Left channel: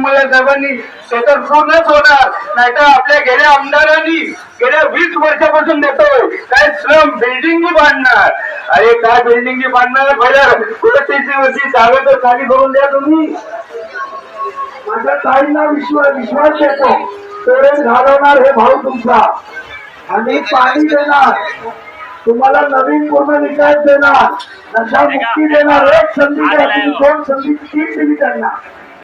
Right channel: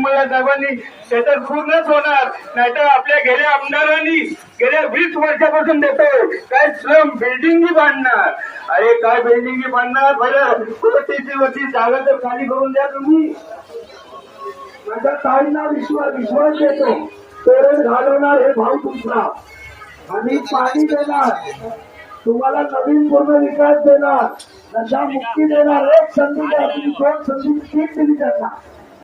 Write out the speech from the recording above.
मला सर्वांनी सतत पूर्णच होणार, नाहीतर आपल्या गेल्या आमदारांनी गेल्या 20 वर्षापासून देतोय काय स्लम बिल्डिंग बांधणार. अरे काय बिल्डिंग बांधणार, बरं कुठे जागा तर खाली करून द्या तुम्ही. माझ्या ताईंना विश्वास देतो, तर घालवणार हे भाऊ तुमचा, आणि पाणी देणार तुम्हाला, नवीन पूर्ण विकास देणार, नशा मुक्ती देणार. एक संधी द्या, 2 संधी 3 दिली त्यांना.